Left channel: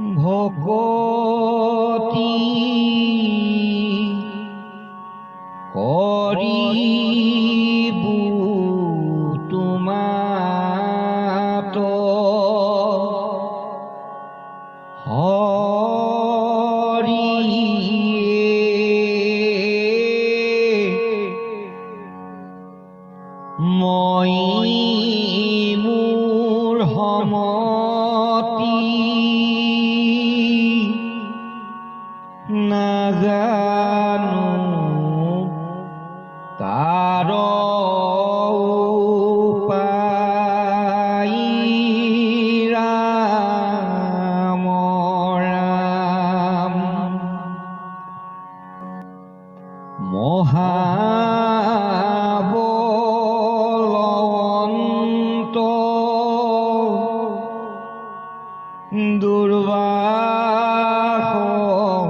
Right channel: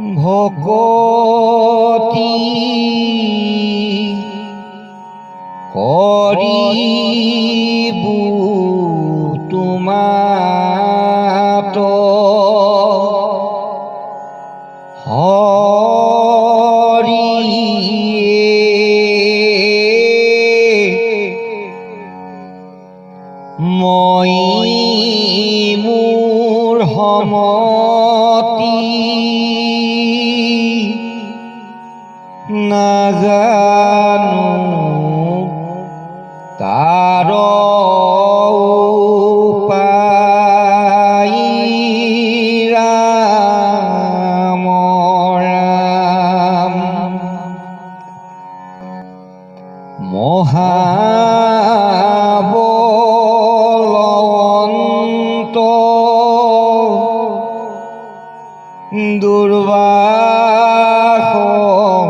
ভকতি কৰিবু তোমাত মই মোৰ সমতি নাজানো তাৰ উপায় ৰাম ৰাম মহাবলৱন্ত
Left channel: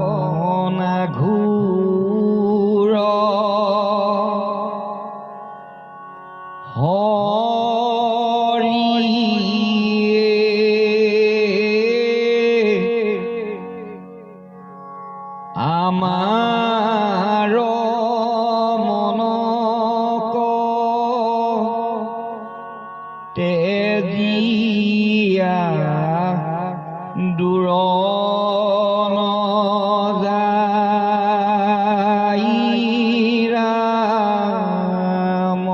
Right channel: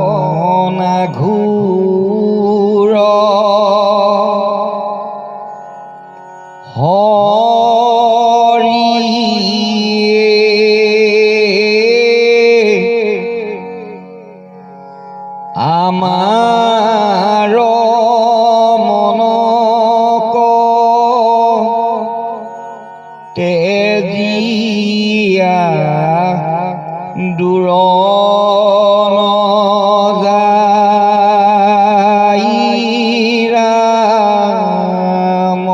দুৰ্বাসনা ঘোৰ আমাৰ মনক তেজিয়া দূৰ নযায় ৰাম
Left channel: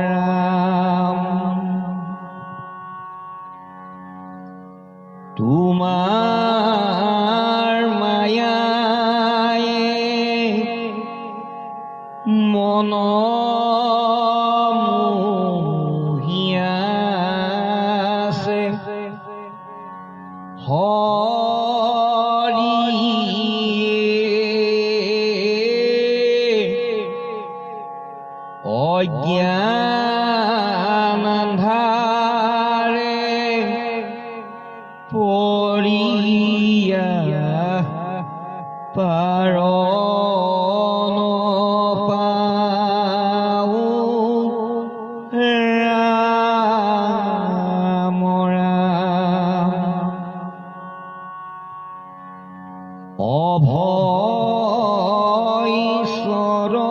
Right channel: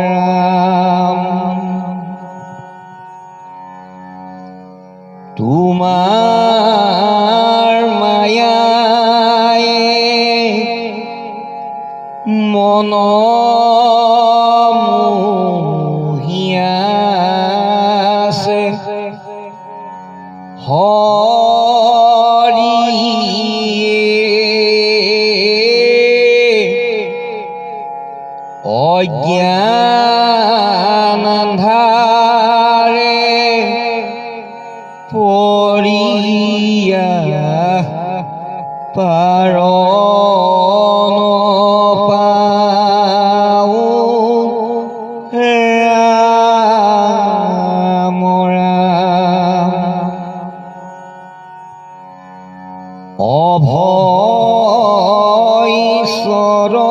ৰাম তোমাৰ মায়ায়ে মন মোহিয়াছে অজ্ঞান আন্ধাৰে পৰিয়া পাৰ নপাওঁ ৰাম ৰাম অভয় চৰণে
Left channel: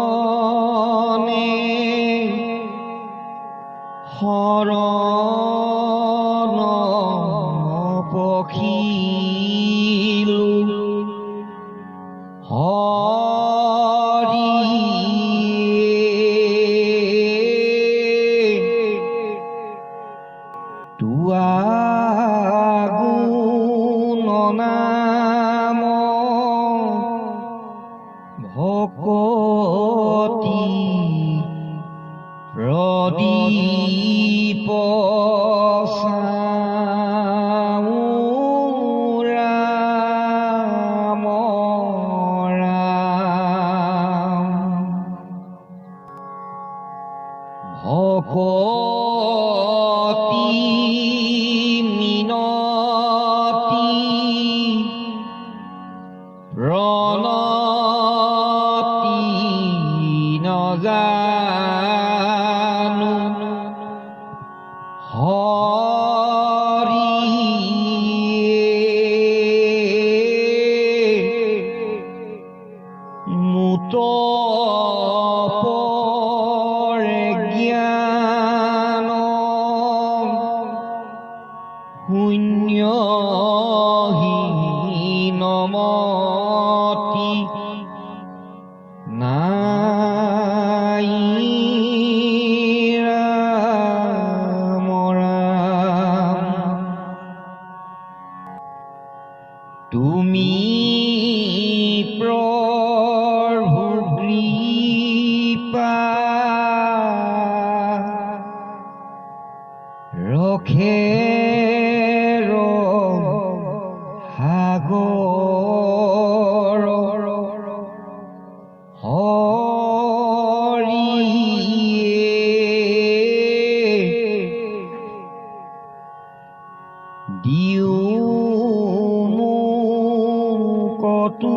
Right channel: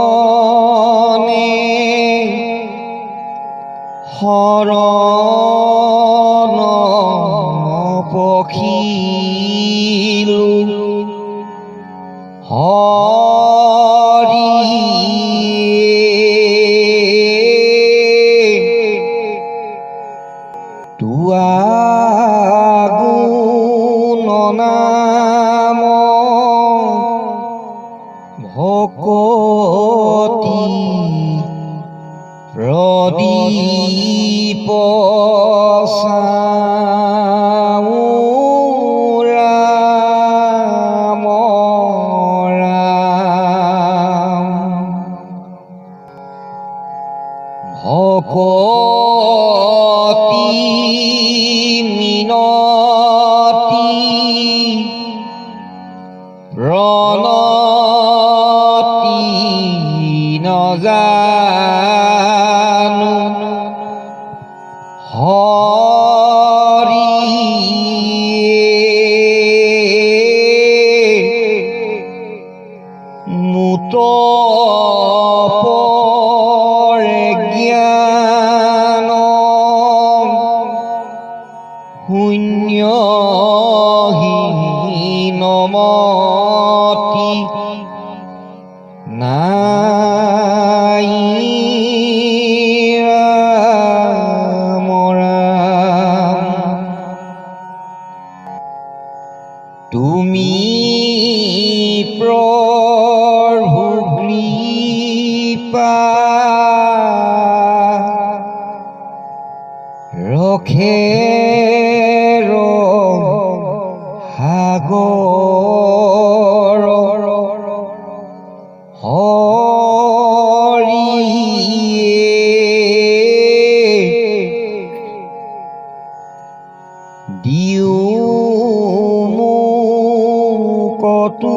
শৰণ পখিলো তোৱা গুণ নাম ভকতি প্ৰদীপ চাওঁ ৰাম ৰাম ভকতি মিনতি প্ৰণতি নজানো মুত জ্ঞান শূন্যহীনমতি নাই ৰাম ৰাম তুমি প্ৰভু কৃপা ৰখে সাগৰ দিও মোক কতো